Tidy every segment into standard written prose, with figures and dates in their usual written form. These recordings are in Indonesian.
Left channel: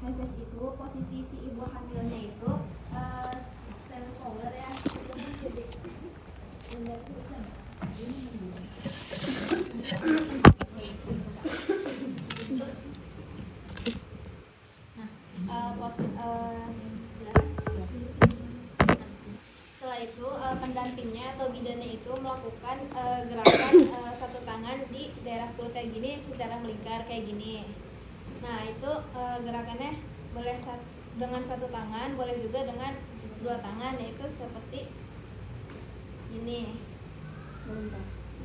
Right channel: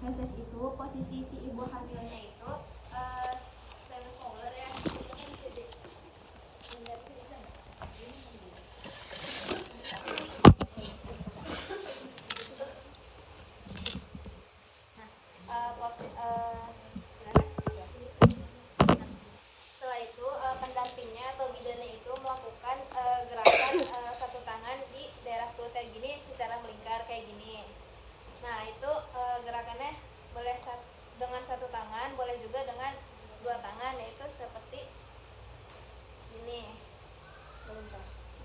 message itu posisi si ibu hamilnya itu center ya. Setelah itu pendampingnya atau bidannya itu melakukan gerakan satu tangan di daerah perut kayak gini secara melingkar kayak gini. Nah itu gerakannya boleh dengan satu tangan, boleh juga dengan dua tangan, yaitu seperti ini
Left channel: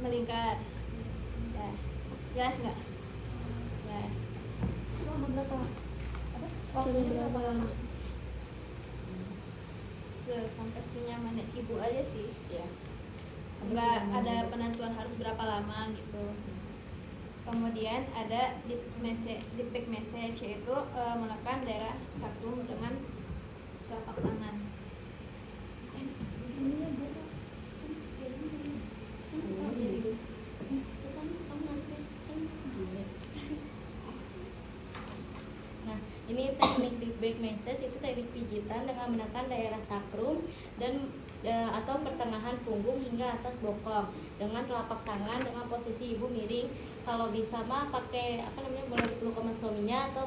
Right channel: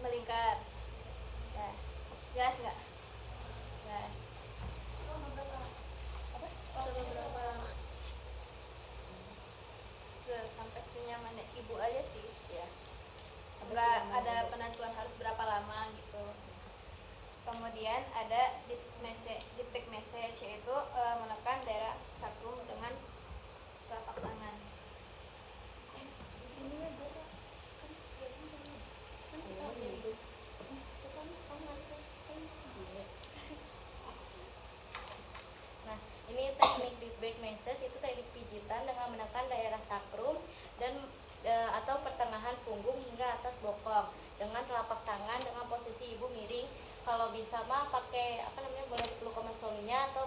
melingkar. Nah, jelas nggak? Nah, berapa lama? Sampai senyamannya ibu aja sih ya, nggak ada penentuan harus berapa lama gitu. Kemudian ada deep back massage, yaitu menekan daerah sacrum dengan telapak tangan. Nah, ini teknik deep back massage itu teknik pijitan dengan menekan daerah sacrum dan atau pertengahan punggung hingga atas bokong dengan telapak tangan dengan posisi ibu miring. Kalau bisa mah pakai boleh dipeluk sama suaminya atau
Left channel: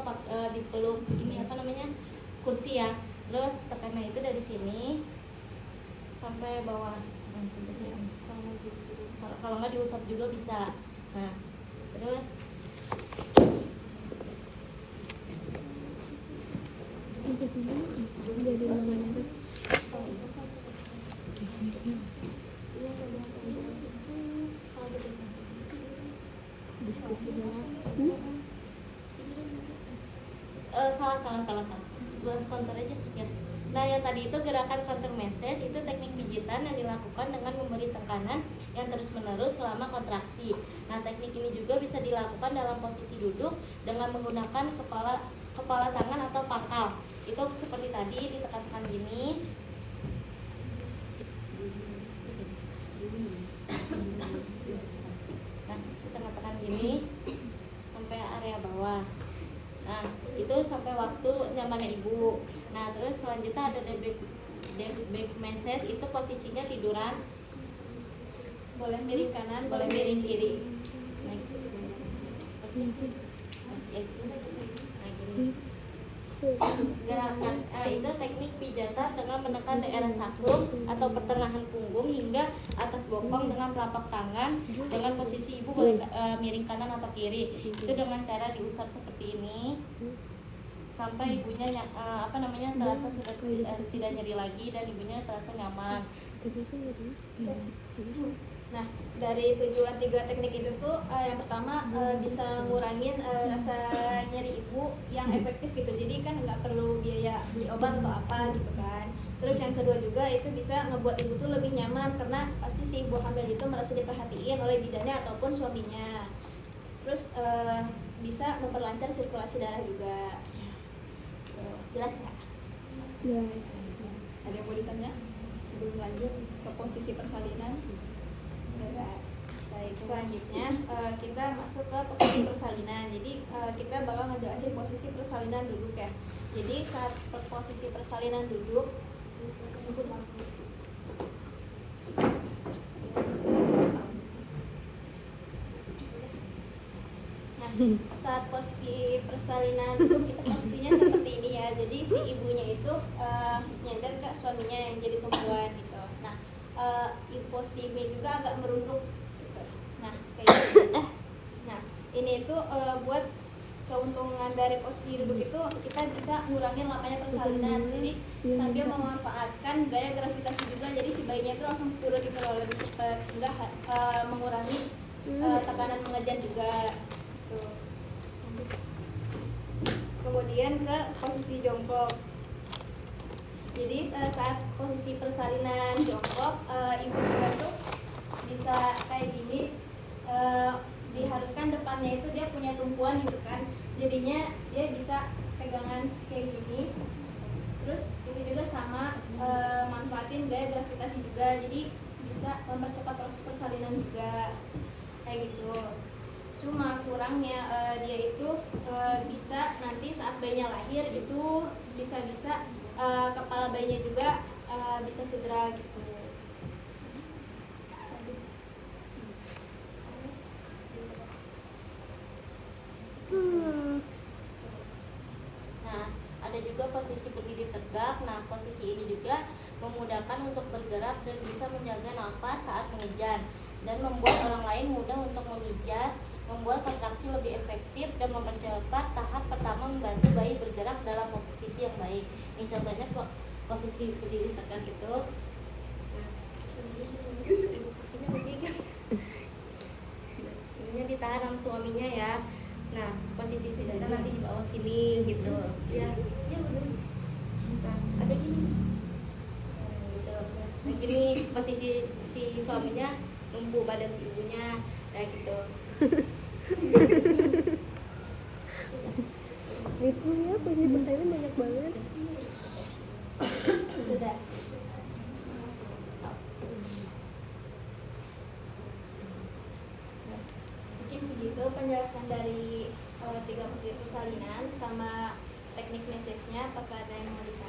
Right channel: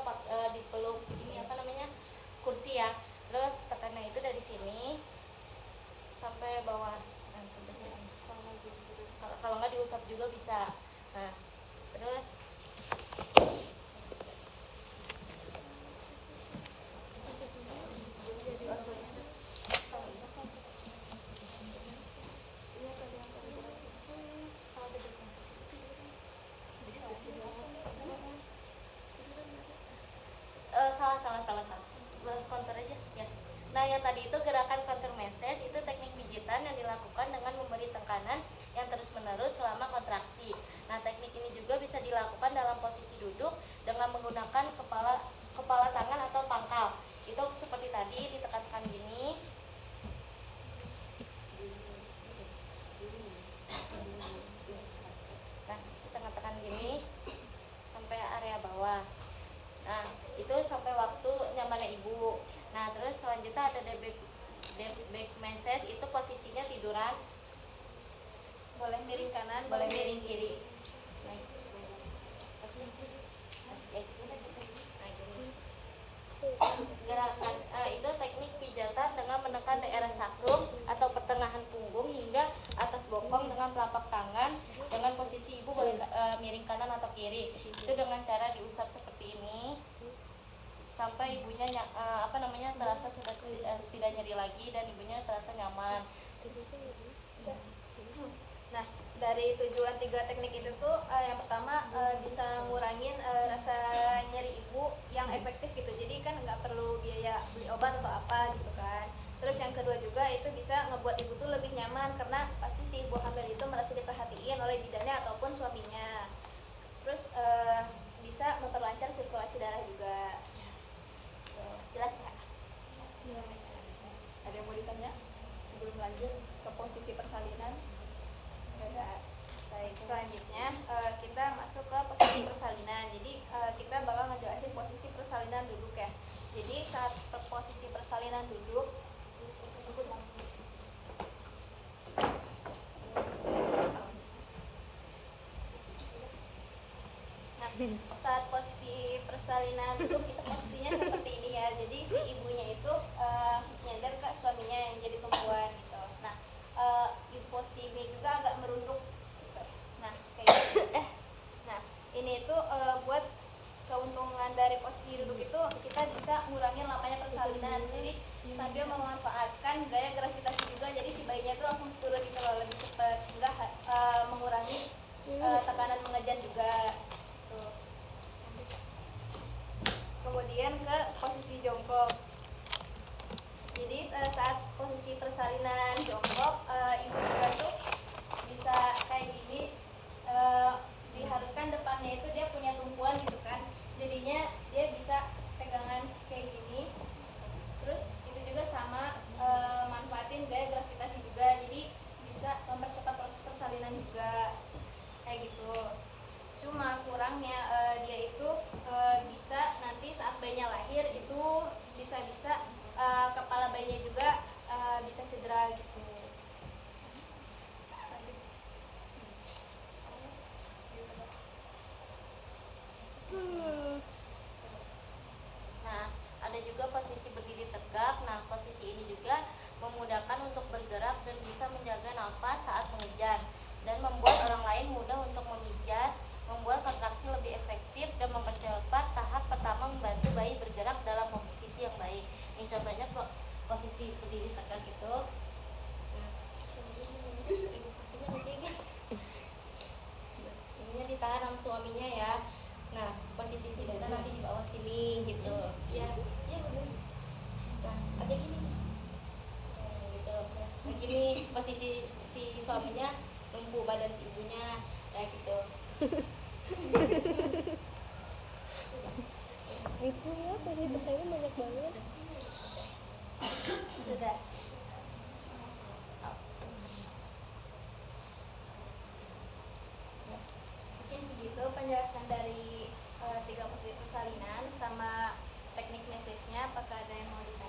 dipeluk ini kursi ya. Terus tekannya itu dari sini sampai bawah. Kalau nggak diusap juga bisa. Nah, terus salah counter aja ya. Nah yang tadi itu gerakan counter massage itu teknik pijitan yang dilakukan dengan memberi tekanan yang terus menerus selama kontraksi. Nah teknik ini juga bisa dilakukan dalam posisi duduk dengan menggunakan kepala tangan atau pangkal. Itu seperti tadi ditekan-tekan gini. Nah ditekan-tekan gini sampai area bawah. Nah itu sampai waktu nyamannya ibu. Nah terus selanjutnya ada deep back massage, itu posisinya tiduran, boleh miring kanan, boleh miring kiri. Gerakan itu teknik pijatan dengan menekan daerah sacrum atau pertengahan punggung hingga atas bokong dengan telapak tangan dengan posisi ibu boleh miring kanan atau kiri. Itu dengan cara diusap seperti ini sampai ibunya terasa sudah tidak nyeri lagi dan ibunya terasa nyaman. Nah dari tujuan tiga teknik itu tuh yang pertama bisa ngurangin rasa nyeri ibu yang efektif gitu, jadi kan nggak perlu biaya beli obat atau apa gitu kan. Terus yang kedua juga itu bisa ngebuat ibu tuh lebih nyaman karena pasti si ibu hamil itu merasa diperhatiin oleh bidannya ataupun suaminya. Terus bisa memperlancar sirkulasi darah juga. Jelas ya? Yes. Ada yang mau ditanya sebelum lanjut ke posisi persalinan? Baik, selanjutnya kita masuk ke posisi persalinan. Jadi kita bakal ngejelasin posisi persalinan duduk ya. Jadi saat posisi persalinan duduk, nah saat posisi persalinan duduk itu posisinya seperti ini ya. Jadi si ibunya itu nyadar ke suaminya yang jadi tumpuan gitu. Nah di posisi ini juga agak merunduk. Nah, kayak gitu. Nah, ini itu buat keuntungan dari posisi duduk itu kita bisa ngurangin lapanya persalinan. Jadi sambil memanfaatkan gaya gravitasi juga, jadi si bayinya itu langsung turun gitu loh, lebih cepat, enggak mengurangi tekanan mengejan juga. Tuh. Kemudian ke posisi jongkok. Jadi saat posisi persalinan jongkok, ibunya tuh bisa kayak gini. Diharuskan depannya itu dia punya tumpuan gitu kan, jadinya dia bisa pegangan kayak gini. Terus itu juga sama manfaatin gaya gravitasi juga, jadi bisa mempercepat proses persalinan juga kayak gitu. Cuma kurangnya dia itu bisa nanti saat bayinya lahir terakhir itu bisa-bisa kepala bayinya juga bisa cedera gitu. Nah, ada juga posisi berdiri tegak. Nah, posisi ini juga memudahkan untuk bergerak dan bisa menjaga nafas saat mengejar dan membuat orang lain mudah untuk memijat, membuat kontraksi lebih efektif dan mempercepat tahap pertama membantu bayi bergerak dalam posisi yang baik. Ini contohnya posisi berdiri tegak itu. Ini ditahan sama suaminya ya. Nah, posisi pijatnya nanti di bawah sini gitu. Ya, ya ada gini. Gitu. Nah, gini posisi si suaminya tumbuh badan si ibunya kayak gitu. Gitu ya, posisi pesawatnya banyak banget. Sudah. Mungkin segitu penjelasan dari 3 posisi persalinan sama teknik message-nya. Apakah ada yang mau ditanya?